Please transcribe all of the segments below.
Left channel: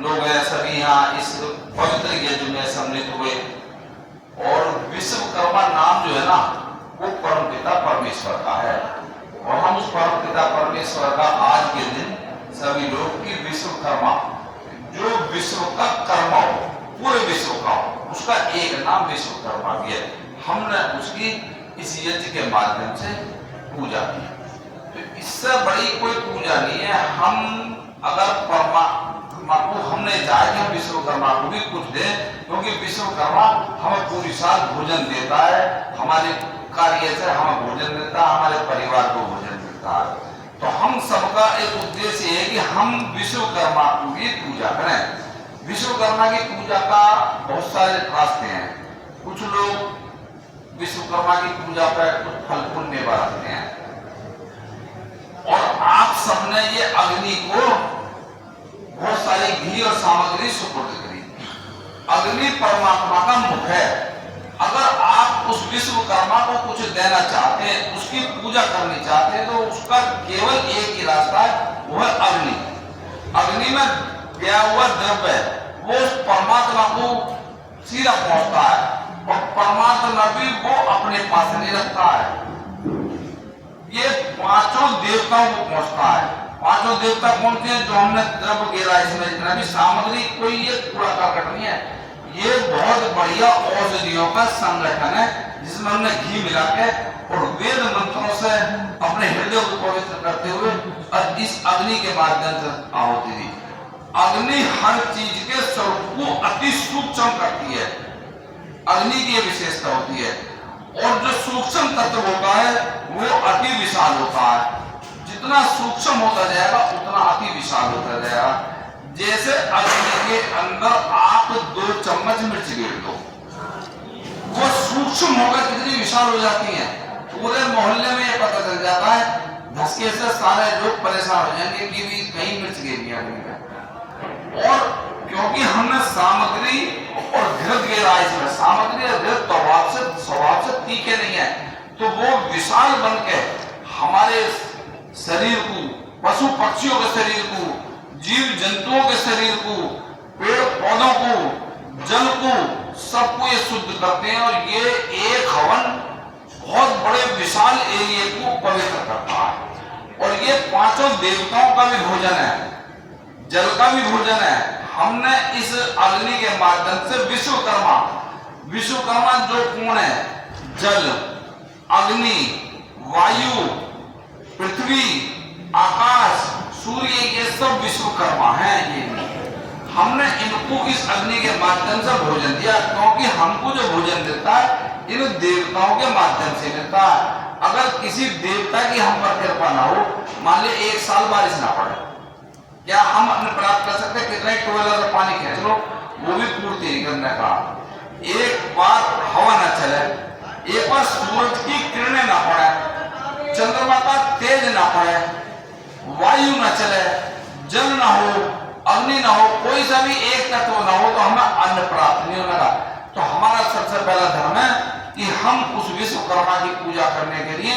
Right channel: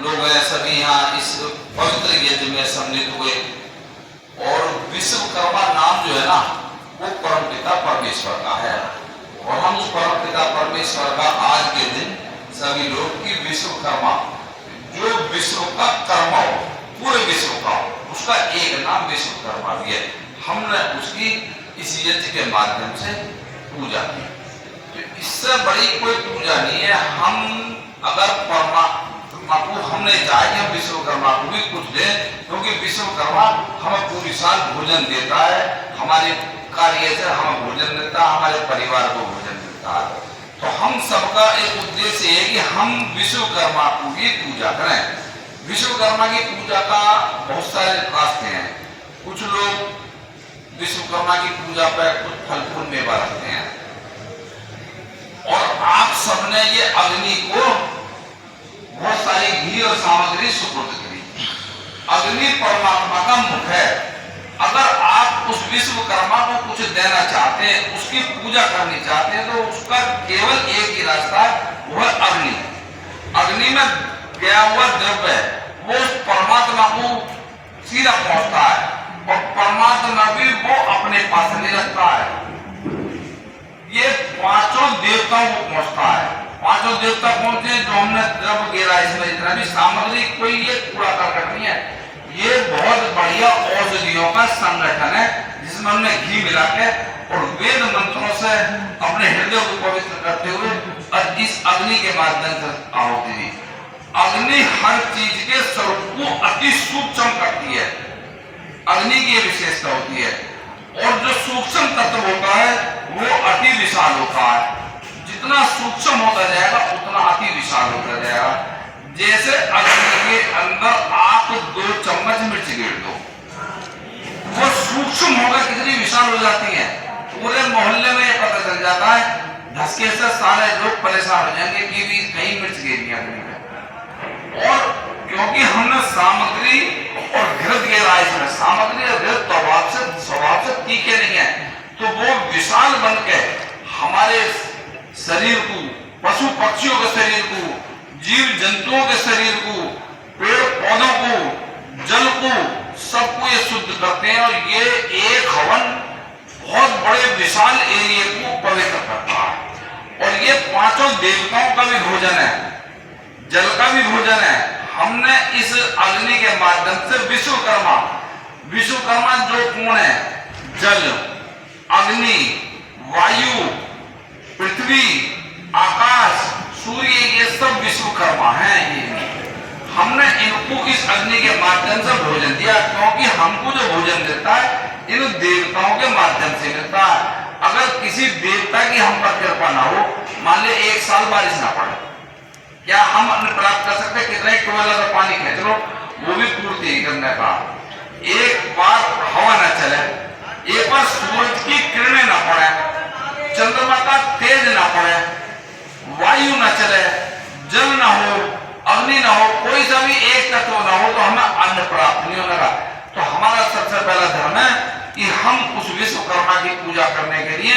लोग हैं सभी यहाँ इस पवित्र यज्ञ में सम्मिलित हुए। और विश्वकर्मा नाम जो है ना वो परमपिता परमेश्वर का है, और हम उस परमपिता परमेश्वर का आज के दिन सभी लोग की विश्वकर्मा, जो विश्व का कर्मा हो, पूरे विश्व का हो, उसका एक नाम विश्वकर्मा भी है। हमने उसकी इस यज्ञ के माध्यम से पूजा की। तो इससे बड़ी कोई पूजा नहीं है। हम अगर परमात्मा को हमने चाहे कि हम विश्वकर्मा को भी कुछ दें, क्योंकि विश्वकर्मा हमें पूरी साल भोजन देता है, हमारे कार्य से हमें भोजन देता है, हमारे परिवार को भोजन देता है। तो हम सबका एक उद्देश्य है कि हम विश्वकर्मा को भी पूजा करें। विश्वकर्मा की पूजा का बहुत सारे रास्ते हैं। कुछ लोग विश्वकर्मा की पूजा पर कुछ फल फूल मेवा रखते हैं, और आप सबने ये अग्नि को बहुत सारी घी और सामग्री सुपुर्द करी। अग्नि परमात्मा का मुख है। अगर आप उस विश्वकर्मा को कुछ देना चाहते हैं, उसकी पूजा करनी चाहते हैं, तो उसका केवल एक ही रास्ता है, वो है अग्नि। अग्नि में गया हुआ द्रव्य वो परमात्मा को सीधा पहुंचता है, और परमात्मा भी वो अपने पास नहीं रखता है, ये पांचों देवताओं को पहुंचता है। पांचों देवता कौन से जो हमने द्रव्य गिरा इसमें, इतना भी सामग्री कोई ये कूड़ा करकट नहीं है, ये बहुत बढ़िया औषधियों का संगठन है, जिसमें हमने घी मिला के और वेद मंत्रों से अपने हृदय को पवित्र करते हुए और इस अग्नि के माध्यम से आहुति दी। अग्नि हर चीज के स्वरूप को अति सूक्ष्म करती है। अग्नि की यह विशेषता होती है, और जो सूक्ष्म तत्व होता है वो अति विशाल होता है। जितना सूक्ष्म होता जाएगा उतना अति विशाल होता जाएगा। जैसे अग्नि के अंदर आप 2 चम्मच मिर्च गिर दो, वो सूक्ष्म होकर कितनी विशाल हो जाती है, पूरे मोहल्ले में ये पता चल जाता है। धसके से सारे लोग परेशान हो जाएंगे कि भी कहीं मिर्च गिर गई अग्नि में। और क्योंकि हमने सामग्री और घृत गिरा इसमें, सामग्री और घृत स्वभाव से तीखे नहीं है, तो वो विशाल बन के हमारे शरीर को, पशु पक्षियों के शरीर को, जीव जंतुओं के शरीर को, पेड़ पौधों को, जल को, सबको ये शुद्ध करते हैं। और ये एक हवन बहुत बड़े विशाल एरिया को पवित्र करता है। और ये पांचों देवताओं का भी भोजन है, जल का भी भोजन है। हमने इस अग्नि के माध्यम से विश्वकर्मा जो कौन है, जल, अग्नि, वायु, पृथ्वी, आकाश, सूर्य, ये सब विश्वकर्मा हैं। ये हमने इनको इस अग्नि के माध्यम से भोजन दिया, क्योंकि हमको जो भोजन देता है इन देवताओं के माध्यम से मिलता है। अगर किसी देवता की हम पर कृपा ना हो, मान ले 1 साल बारिश ना पड़े, क्या हम अपने प्राप्त कर सकते हैं? कितने टोला से पानी खींच लो, वो भी पूर्ति नहीं करने का। एक बार हवा ना चले, एक बार सूरज की किरणें ना पड़े, चंद्रमा का तेज ना पड़े, वायु ना चले, जल ना हो, अग्नि ना हो, कोई सा भी एक तत्व ना हो, तो हमें अन्न प्राप्त नहीं होगा। तो हमारा सबसे पहला धर्म है कि हम उस विश्वकर्मा की पूजा करने के लिए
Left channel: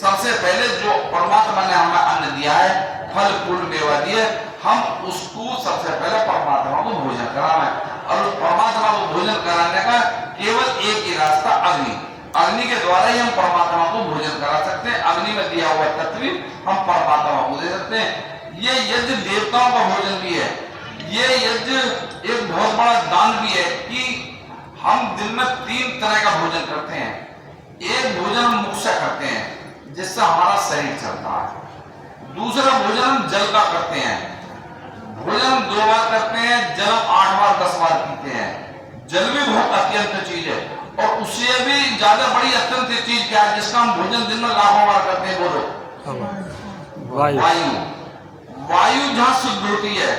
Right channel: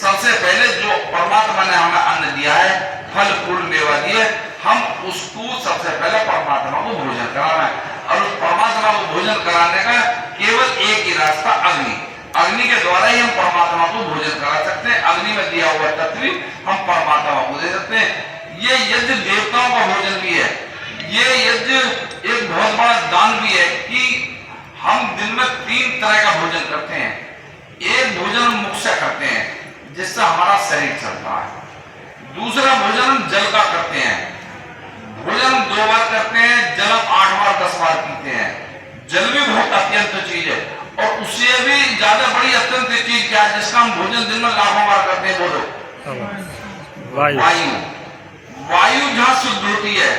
सबसे पहले जो परमात्मा ने हमें अन्न दिया है, फल फूल मेवा दिए, हम उसको सबसे पहले परमात्मा को भोजन कराना है। और उस परमात्मा को भोजन कराने का केवल एक ही रास्ता अग्नि। अग्नि के द्वारा ही हम परमात्मा को भोजन करा सकते हैं। अग्नि में दिया हुआ तत्व हम परमात्मा को दे सकते हैं। ये यज्ञ देवताओं का भोजन भी है। ये यज्ञ एक बहुत बड़ा दान भी है कि हम दिन में 3 तरह का भोजन करते हैं। एक भोजन हम मुख से करते हैं, जिससे हमारा शरीर चलता है। दूसरा भोजन हम जल का करते हैं। भोजन हम 2 बार करते हैं, जल 8 बार 10 बार पीते हैं। जल भी बहुत अत्यंत चीज है, और उससे भी ज्यादा बड़ी अत्यंत चीज क्या है जिसका हम भोजन दिन में लाखों बार करते हैं? बोलो। वायु। वायु जहां शुद्ध होती है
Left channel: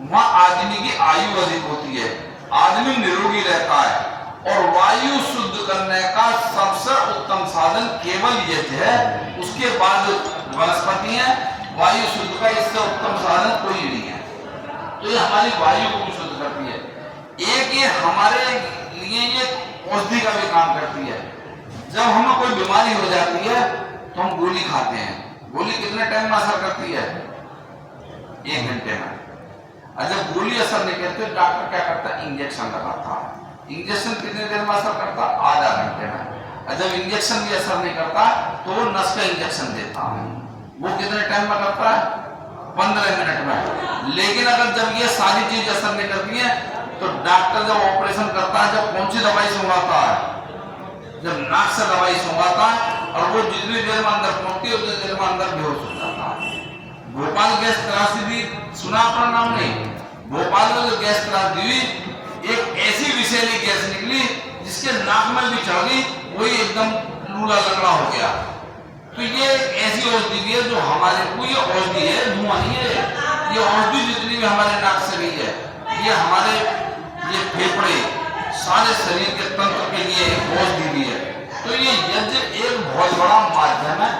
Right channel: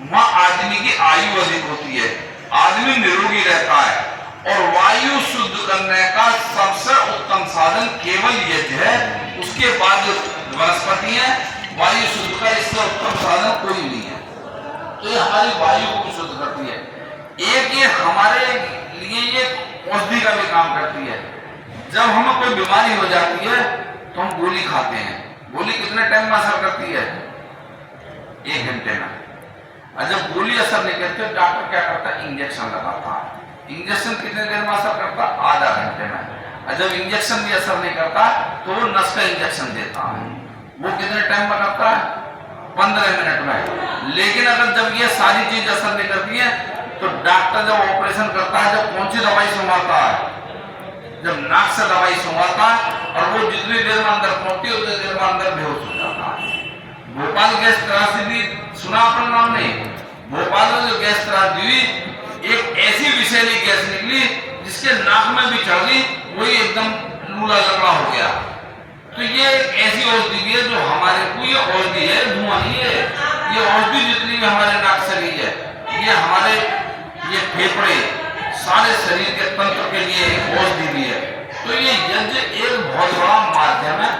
वहां आदमी की आयु अधिक होती है, आदमी निरोगी रहता है। और वायु शुद्ध करने का सबसे उत्तम साधन केवल यज्ञ है। उसके बाद वनस्पति है, वायु शुद्ध का इससे उत्तम साधन कोई नहीं है। तो ये हमारी वायु को शुद्ध करती है। एक ये हमारे लिए ये औषधि का भी काम करती है। जब हमें कोई बीमारी हो जाती है तो हम गोली खाते हैं। गोली कितने टाइम में असर करती है? 1 घंटे में। और जब गोली असर नहीं करती तो डॉक्टर क्या करता है, इंजेक्शन लगाता है। इंजेक्शन कितने देर में असर करता है, आधा घंटे में। और जब इंजेक्शन भी असर नहीं करता तो वो नस का इंजेक्शन देता है, वो कितने टाइम में करता है, 15 मिनट में। लेकिन अगर जब ये सारी चीज असर नहीं करती है तो डॉक्टर जब ऑपरेशन करता है, जब कौन सी दवाई सुंघाता है, जब नाक से दवाई सुंघाता है, और वो जितनी देर में अंदर पहुंचती है उतनी देर में अंदर बेहोश हो जाता है। भोपाल गैस त्रासदी सुना अपना नाम नहीं, भोपाल में जो गैस त्रासदी हुई, एक ऐसी विषैली गैस निकली जिसके नाक में भी चढ़ गई, वही एकदम लूला लगड़ा हो गया। तो ये एक ऐसी औषधि भी है जो हमारे को, ये औषधि है, धुआं नहीं है, ये औषधि जितनी भी हमारे नाक से गई है, ये हमारे ये फेफड़े सारे शरीर के तंत्र के लिए एक औषधि भी है। तो ये यज्ञ एक बहुत बड़ा माध्यम है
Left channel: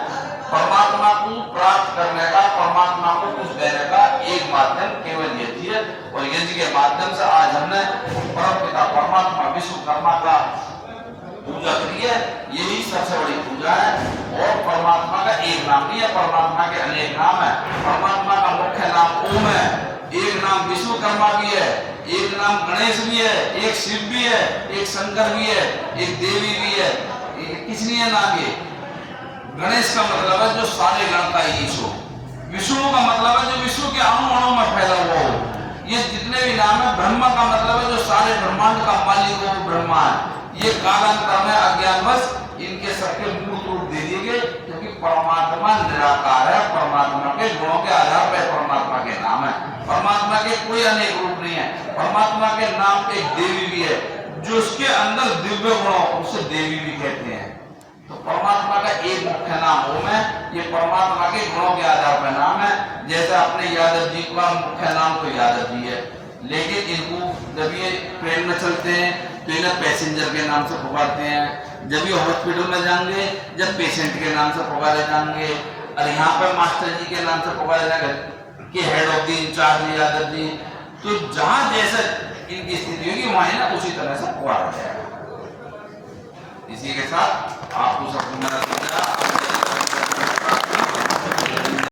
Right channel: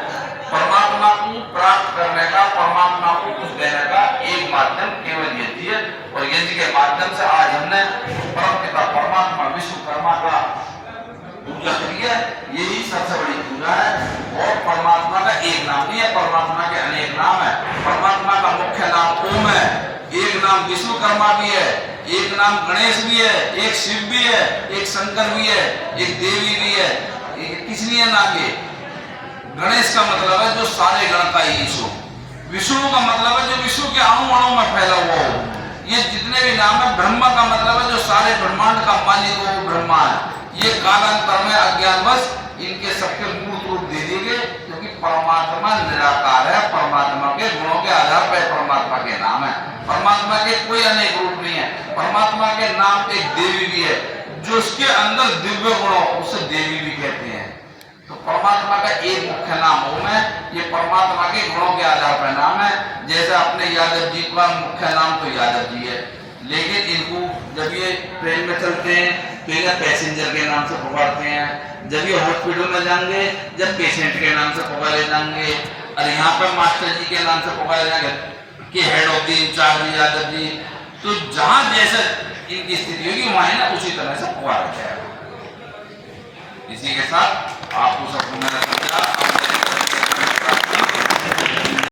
परमात्मा को प्राप्त करने का, परमात्मा को कुछ देने का एक माध्यम केवल यज्ञ है। और यज्ञ के माध्यम से आज हमने परम पिता परमात्मा विश्वकर्मा का पूजा करी है, यही सबसे बड़ी पूजा है। और परमात्मा का एक नाम नहीं है, परमात्मा के अनेक नाम है। परमात्मा का मुख्य नाम ओम है, एक नाम विश्वकर्मा भी है, एक नाम गणेश भी है, एक शिव भी है, एक शंकर भी है, एक देवी भी है। किसलिए नाम ये? गणेश का मतलब है जो सारे गण का ईशो, विष्णु का मतलब है जो विश्व के अणु अणु में फैला हुआ हो। ये जितने भी नाम है, ब्रह्मा का मतलब है जो सारे ब्रह्मांड का मालिक हो, ब्रह्मा है। ये कालांतर में अज्ञानवश इनके सबके मूर्त रूप दे दिए गए, क्योंकि परमात्मा निराकार है। परमात्मा के गुणों के आधार पर परमात्मा के नाम है। परमात्मा के कोई अनेक रूप नहीं है। परमात्मा के नाम एक देवी भी है, जो उसके अंदर दिव्य गुण, उसे देवी भी कहते हैं। तो परमात्मा का एक मुख्य नाम ओम है, ये परमात्मा के गुणों के आधार पर नाम है। जैसे अपने यादव जी का मुख्य नाम तो यादव जी है, लेकिन इनको जब ये ट्रेन में चलते हैं तो इन्हें पैसेंजर के नाम से पुकारते हैं। जब ये हॉस्पिटल में जाएंगे, जब पेशेंट के नाम से पुकारे जाएंगे, और यहाँ पर मास्टर जी के नाम से पुकारे जाएंगे कि head of the incharge Yadav ji. तो जहाँ जैसा इनकी स्थिति होगी वहीं ना उसी तरह से पुकारा जाएगा। इसी के साथ आपको सबको मेरा